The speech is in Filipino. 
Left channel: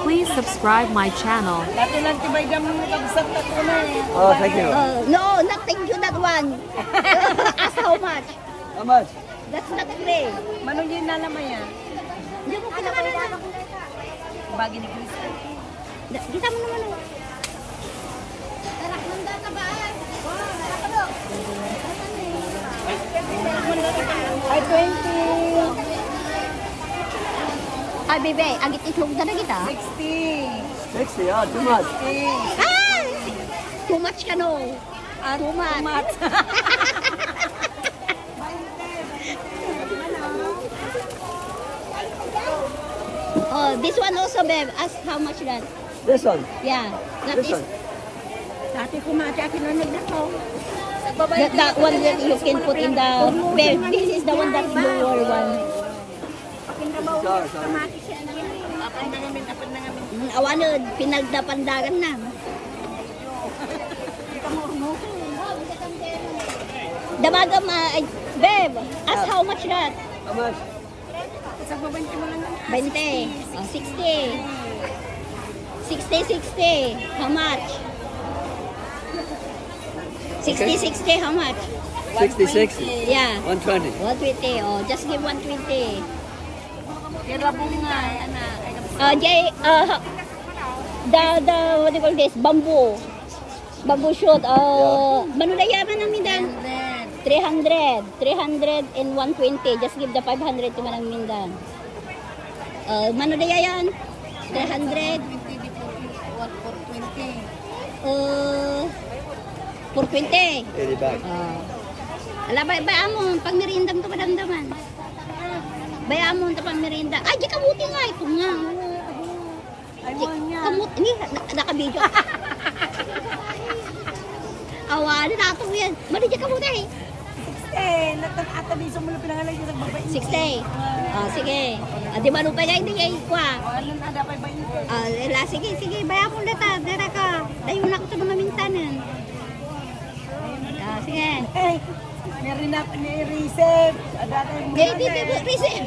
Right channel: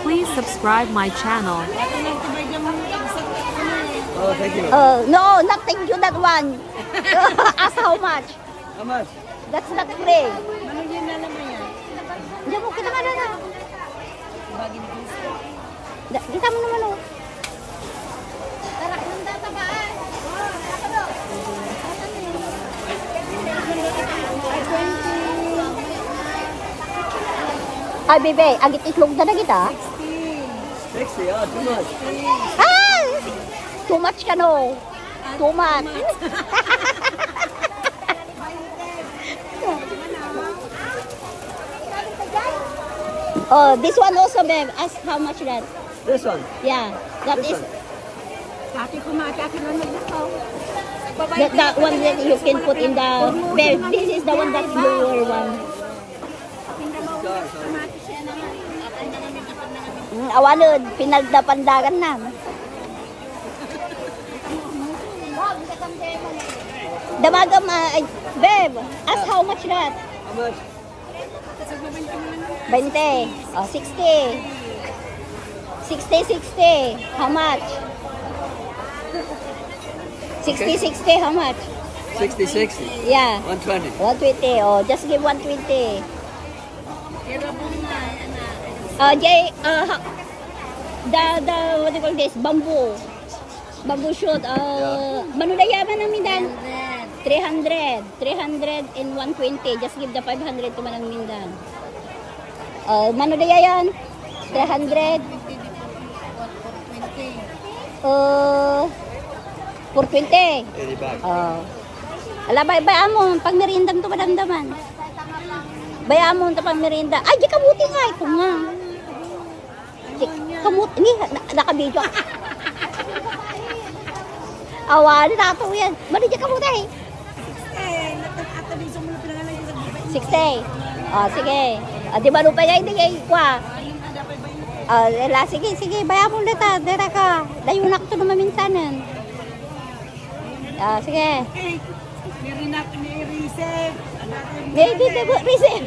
Please subscribe my channel. Oh, thank you. No, not thank you that one. Ask how much? How much? That's not free. Manong yun na naman yan. Hindi mo kailangan na. Bagi ni Cristo. Dito mo naman o. Tarak ng data ba? Ako do. Ay, 20. Ay, bebe, agit itlog na na kita. 60. 60, ah, too much. Ay! Too much ka no. Too much. Oh, this one also, babe. Ask how much that? This one. Yeah, that This is one. Dati kumati akin na naglakaw. that one that you can put in the babe. This is the one that lower one. Kumati siya na namin. Apan na ngamin. Awanod, pinagdapandagan na. Damagam, babe, ask how much that? How much? Sa babante mo lang. 20. Oh, 60. 60. How much? 60, how much? 60, 60. Yeah. 120. 120. Oh, just give 120. Irabong nga, anak. Jay, what do you call this? Bamboo. Bamboo shoot. Manulayaman namin dan. 300 and 120. Just give the 500 to Manang dan. Manulaya yan? 300. 420. 80 bags. Ala, bayaan mo. Pang merindang to madamdaman. Bayaan mo ito pang merinda. Ay, di kamuti nga. Ito nga. Kamuti. Nakabidyo. Awan, nakato yan. Mali di kamuti. Natang-atabi sa mula pinangalan yung nagbabay. 60. Sige. Di ba lupa niya hindi kayo kwa? Anong ada pa ba Sige. Bayaan mo ulit ha. Dera ka. Dayo na ako ito mga minsanan. Sige. Narinak ni Recep. Baby, receive.